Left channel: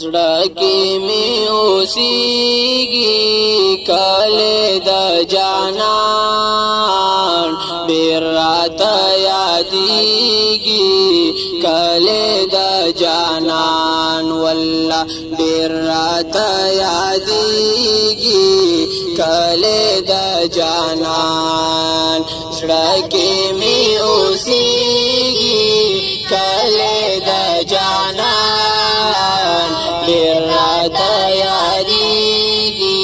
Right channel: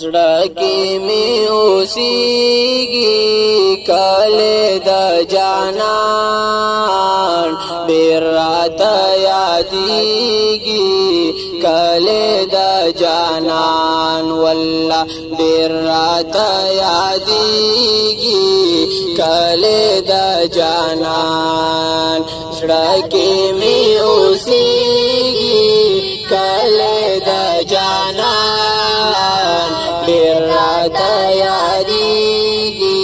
زړه کې می اوسېږي کله د جانان ډېر راته یادېږي کله د جانان والله ډېر راته یادېږي کله د جانان زړه کې می اوسېږي کله د جانان ډېر راته یادېږي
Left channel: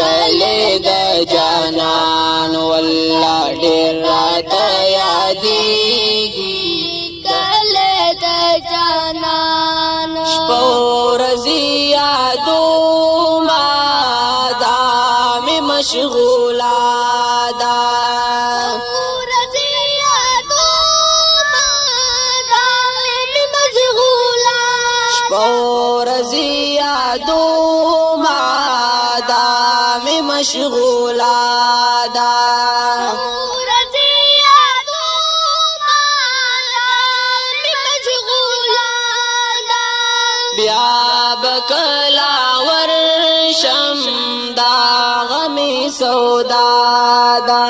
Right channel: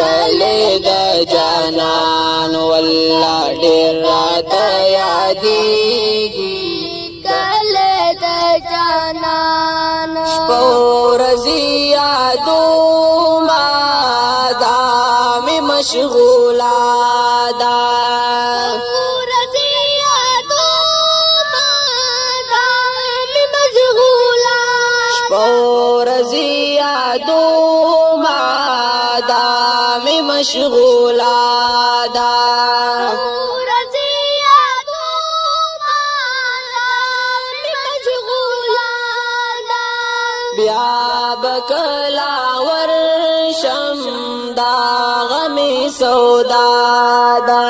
کله د جانان والله ډېر راته یادېږي کله د جانان شپه ورځې یادومه دا مې مشغوله ده ورځي یادومه دا مې مشغوله ده ورځي یادومه دا مې مشغوله ده بیا به کله ورشم دا غمې سودا ده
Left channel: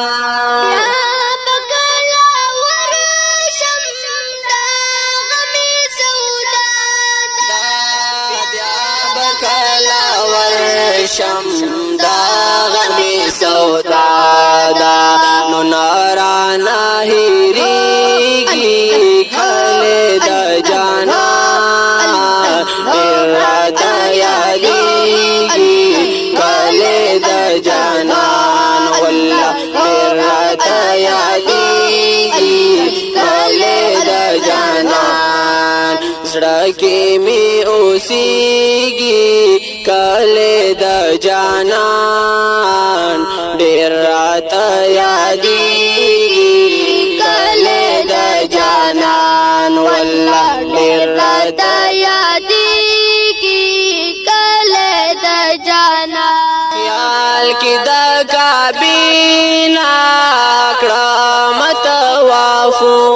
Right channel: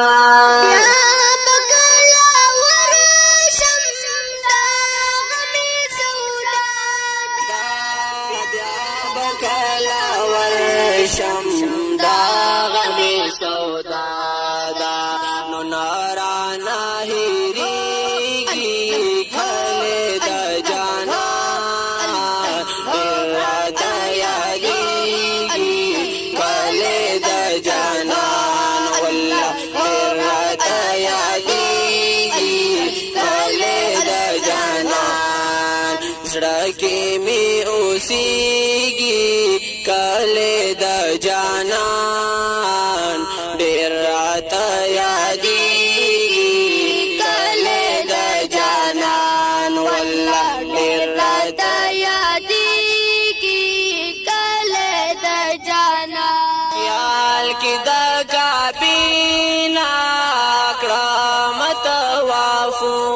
شم دا غمی سودا دا نو نارانا هیریگی کلی دا جانان دیر راتا یادیگی کلی دا جانان والله دیر راتا یادیگی کلی دا جانان زڑکی می اوسیگی کله د جانان ډېر راته یادېږي کله د جانان والله ډېر راته یادېږي کله د جانان خیال کې د کعبې نه کړم طوافونه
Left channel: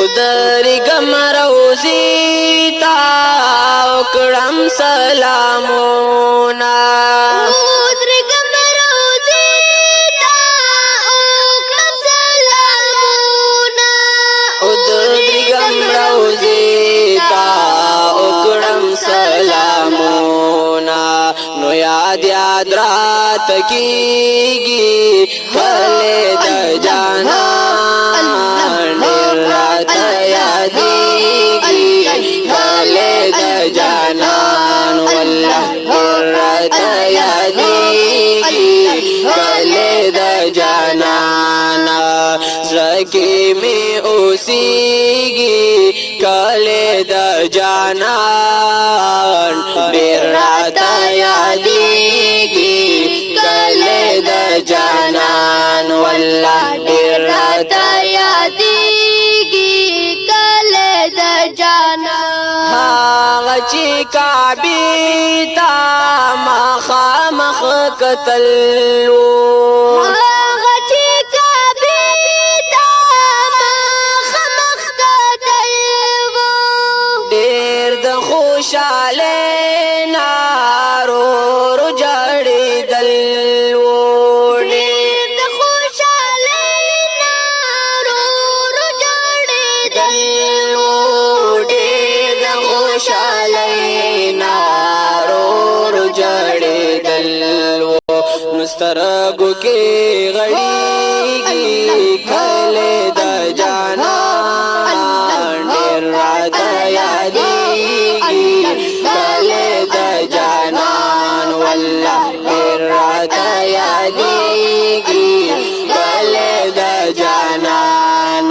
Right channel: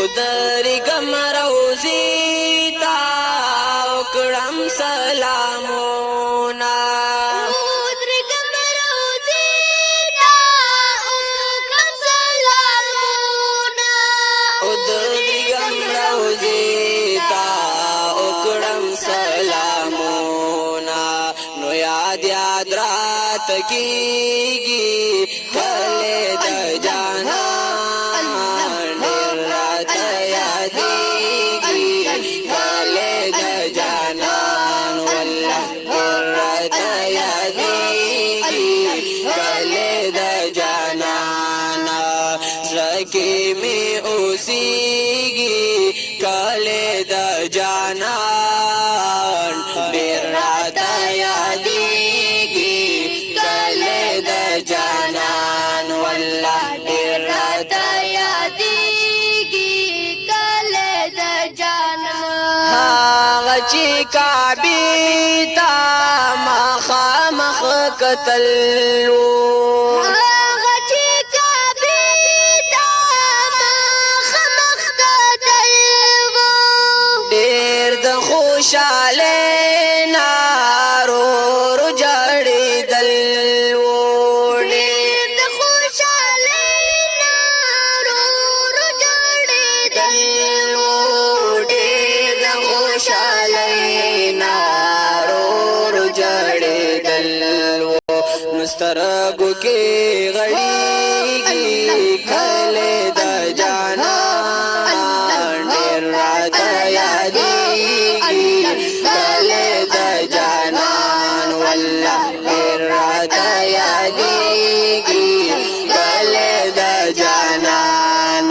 ودرګم روزي تا وکړم سلامونه ودرګم روزي تا وکړم سلامونه ودرګم روزي تا وکړم سلامونه نو یاد یاد رات کیږي کله د جانان زکی می اوسیږي کله د جانان ډېر راته یادېږي کله د جانان والله ډېر راته یادېږي کله د جانان هغه چې کعبې ته مخامخ کتل خوشاله نارور جړېدل ډېر د خوشاله نارور جړېدل ډېر د خوشاله نارور جړېدل مسترګو کې غړېږي کله د جانان ډېر راته یادېږي کله د جانان والله ډېر راته یادېږي کله د جانان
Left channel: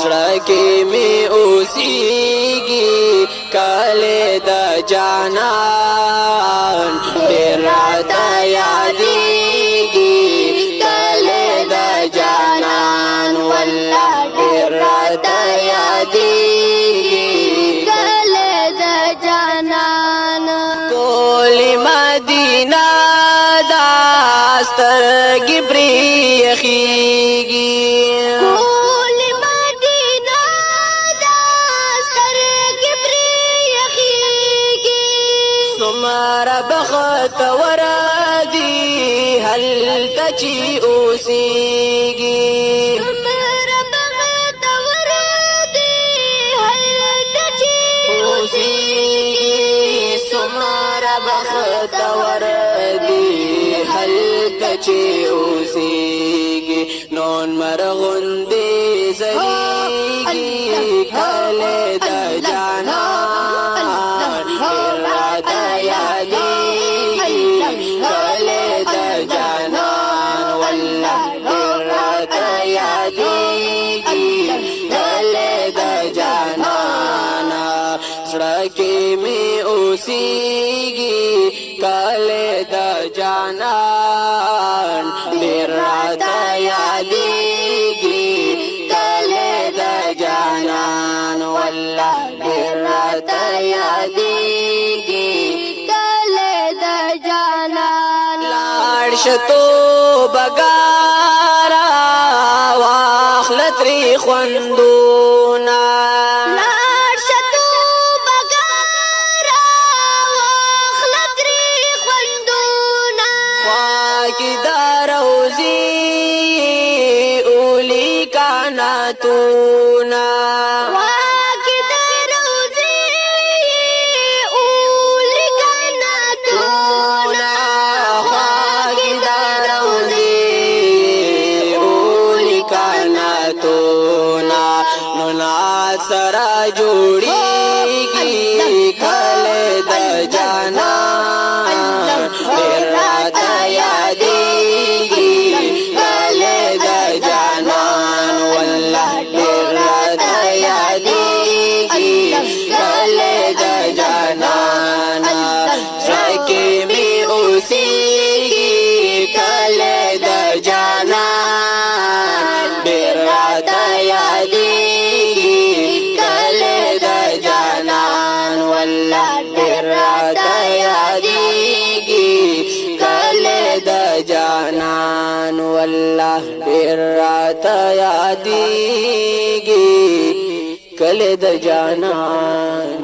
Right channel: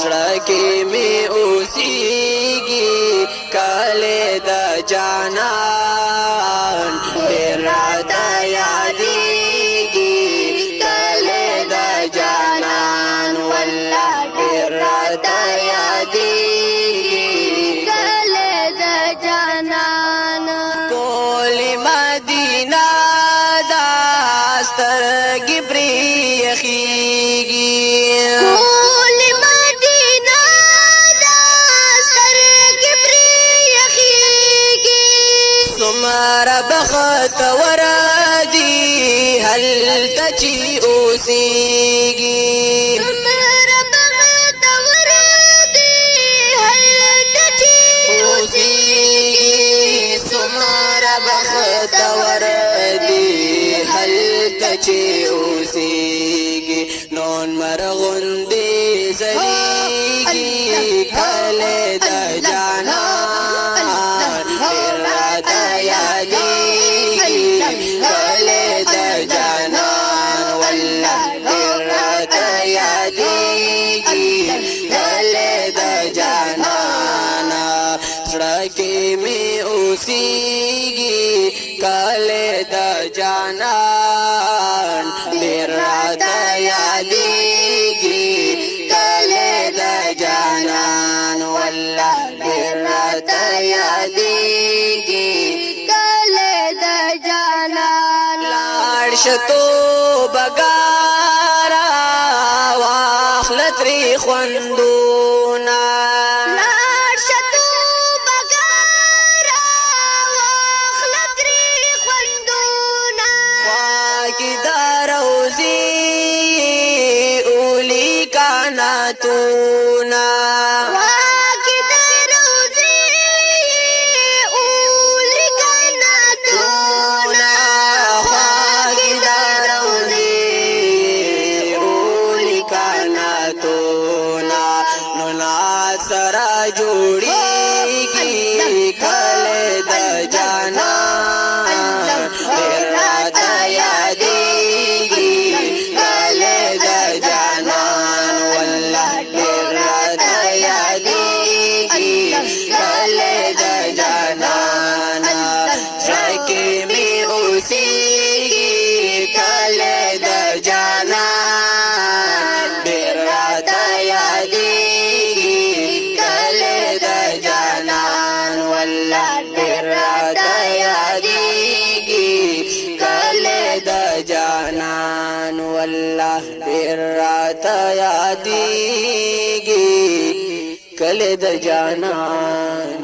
زړه کې می اوسېږي کله د جانان ډېر راته یادېږي کله د جانان والله ډېر راته یادېږي کله د جانان کولی مدینه دا سترګې پرې یخي هلته چې اوسېږي څومره بختور دی هلته چې اوسېږي څومره بختور دی هلته چې اوسېږي نون مرغوندې ځلېږي کله د جانان ډېر راته یادېږي کله د جانان والله ډېر راته یادېږي کله د جانان زړه کې مې اوسېږي کله د جانان ډېر راته یادېږي کله د جانان والله ډېر راته یادېږي کله د جانان لاړ شه توبه ګاره واخله ترې خوندونه لاړ شه توبه ګاره واخله ترې خوندونه خوا کې د روضې اولی کاناتونه واګې د روضې اولی کاناتونه خوا کې د روضې اولی کاناتونه نو ناز سره جوړېږي کله د جانان ډېر راته یادېږي کله د جانان والله ډېر راته یادېږي کله د جانان زړه کې مې اوسېږي کله د جانان ډېر راته یادېږي کله د جانان والله ډېر راته یادېږي کله د جانان والله ډېر راته یادېږي کله د جانان